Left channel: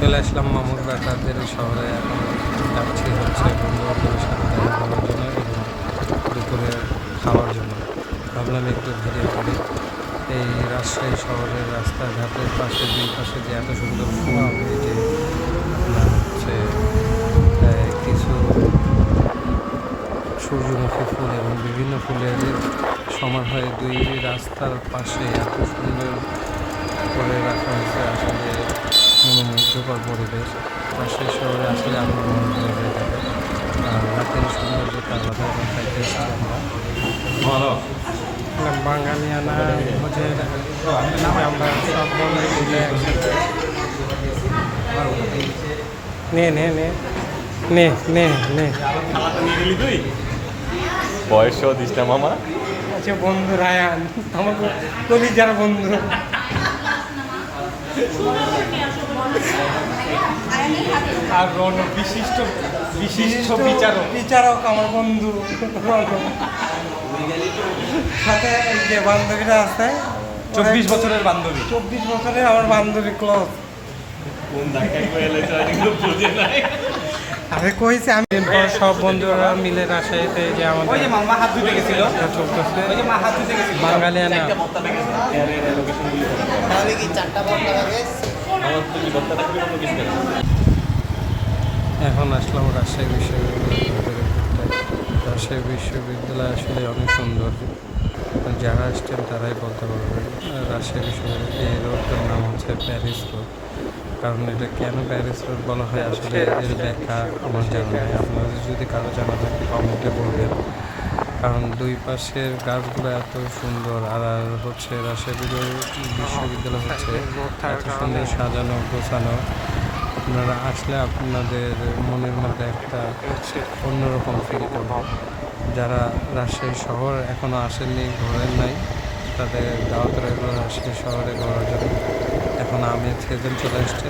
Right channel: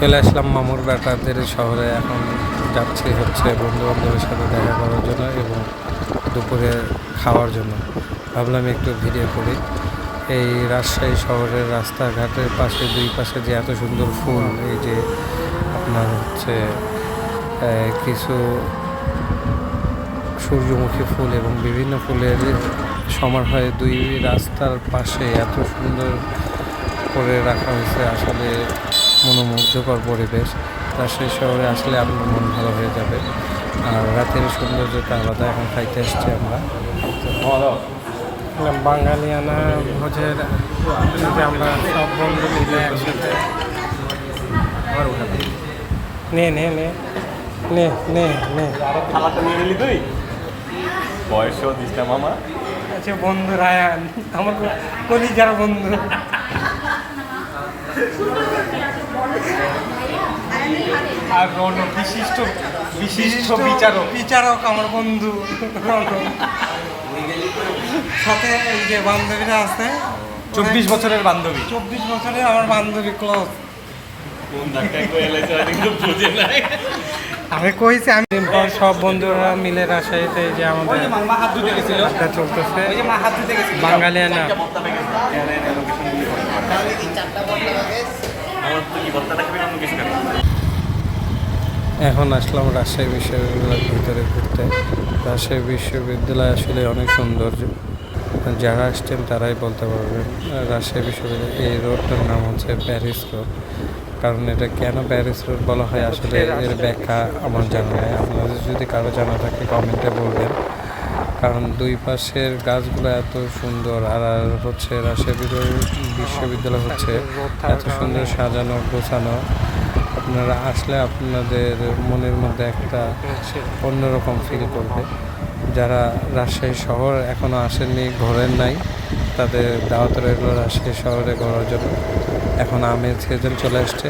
চলে আসলাম মামুর বেকারদের শহরে। এখন যাচ্ছি হচ্ছে বন্ধু বান্ধবের সাথে দেখা করার জন্য এবং দুপুরে খাওয়ার জন্য। ভাবলাম একটু ভিডিও করি। এই রাজশাহী শহরের রাস্তাঘাটের পাশে দুই পাশে যে এত সুন্দর ফুল, এই যে আপনার হচ্ছে কিছু সূর্যমুখী ফুল এবং বিভিন্ন ফুলের সমারোহে দুই রাস্তার পাশে এত সুন্দর করে রাখা হয়েছে। আসলে মনোমুগ্ধকর পরিবেশ। রাজশাহী শহরে আসলে আপনার মন ভালো হয়ে যাবে। আর রাতের সৌন্দর্যটা আলাদা। এখন খাইতে এসছি আমরা বাঙালিয়ানা ভোজের। আমরা সব বন্ধু মিলে একসাথে নে নে নে নে নে নে বয়সও দিস না মামা। আচ্ছা বন্ধু রায়ান, আমার কলিজার বন্ধু। আর রণ বিশিষ্ট বিশিষ্ট বিচারক বিচারক আমার বন্ধু রণ। সাথে এই যে বান্ধবীরা আছে, 24 বছরের বান্ধবী। 24 বছরের আমার বান্ধবী ক্লোজ। কোন ধাক্কায় কই এলাইছে কিন্তু বুঝে নাই। আমি কইছি আমি দিন পর সব বন্ধুরা মিলে রাজশাহীতে যে আমাদের ওই যে মামা হাত ধুইতে গেছিল, এটা চলতেছে ওই যে মা হাত ধুইতে গেছিল বাঙালিয়ানা। লোকেশন দিয়ে ফোন করে আমার তো কি বক্তাটা কবি অন্য কিছু করে। এখন আসলাম রাজশাহী বিশ্ববিদ্যালয়ের ভিতরে ঘুরতে। রাজশাহী বিশ্ববিদ্যালয় আসলে অনেক সুন্দর। যারা আসছেন তারাই বলতে পারবেন। রাজশাহী বিশ্ববিদ্যালয় এই রোডটার নাম হচ্ছে প্যারিস রোড। কারণ এটা কেন প্যারিস রোড বলা হয় আসলে এর ব্যাখ্যা আমার জানা নেই। আপনাদের যদি কারো জানা থাকে কমেন্টে বলবেন। কারণ দুই পাশের গাছগুলো এত সুন্দর। আর হচ্ছে রাজশাহী বিশ্ববিদ্যালয় হচ্ছে এত সুন্দর সাজানো গোছানো। আপনারা আসলে আপনাদের মনের মধ্যে একটা অন্যরকম ফিল করবে। যারা রাজশাহী শহর এখনও আসেননি, ঘোরেন নাই, তাদের দাওয়াত রইল রাজশাহী শহরে ঘোরার জন্য। এখন আমের সিজন চলে আসছে,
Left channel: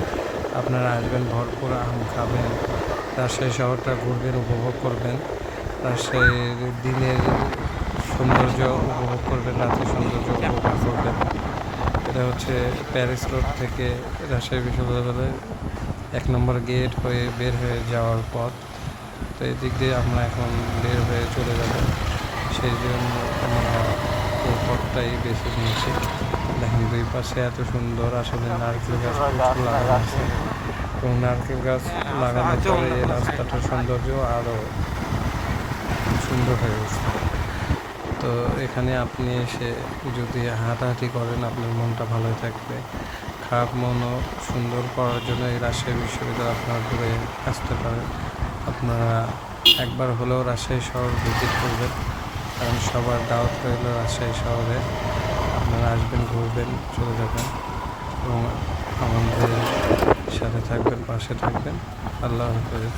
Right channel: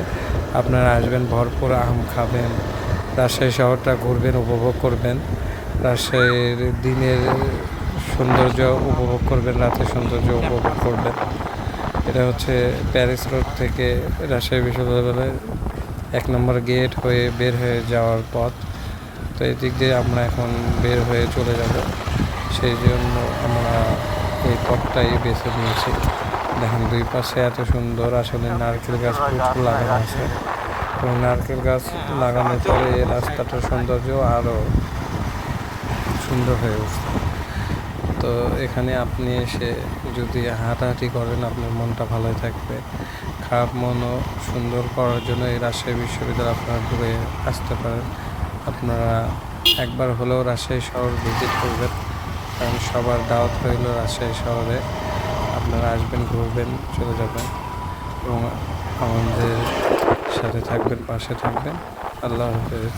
আপনারা আসবেন, ভরপুর আম খাবেন, রাজশাহী শহরটা ঘুরবেন, উপভোগ করবেন, রাজশাহীর দিনের সৌন্দর্য উপভোগ করবেন, রাতের সৌন্দর্য উপভোগ করবেন। এটা হচ্ছে প্যারিস রোড থেকে রাজশাহী বিশ্ববিদ্যালয়ের 1 নম্বর গেট হয়ে বের হয়ে যাওয়ার পথ। তো এই দিক দিয়ে আমরা এখন বের হয়ে চলে যাব। সেই জন্য আমরা এই পথটাই বেছে নিয়েছি। দেখেন দুই পাশে এত সুন্দর। আসলে নারকেল গাছ প্রচুর লাগানো আছে এবং নারকেল গাছ লাগানোর পরে এই রাস্তাটার সৌন্দর্য আরও সুন্দর হয়ে গেছে। তো এখানে আপনি এসে যদি হাঁটাহাঁটি করেন আপনার মনটা ভালো থাকবে। খারাপ মনও সুন্দর করার জন্য এই রাজশাহী বিশ্ববিদ্যালয় আপনারা ঘুরে আসতে পারেন। আপনারা একবার হলেও রাজশাহী শহর ভিজিট করবেন, কারণ সবার দাওয়াত রইল রাজশাহী শহরে। আপনারা আসবেন, ঘুরবেন, চলে যাবেন এবং আমাদের সাথে থাকবেন, পাশে থাকবেন। আল্লাহ হাফেজ।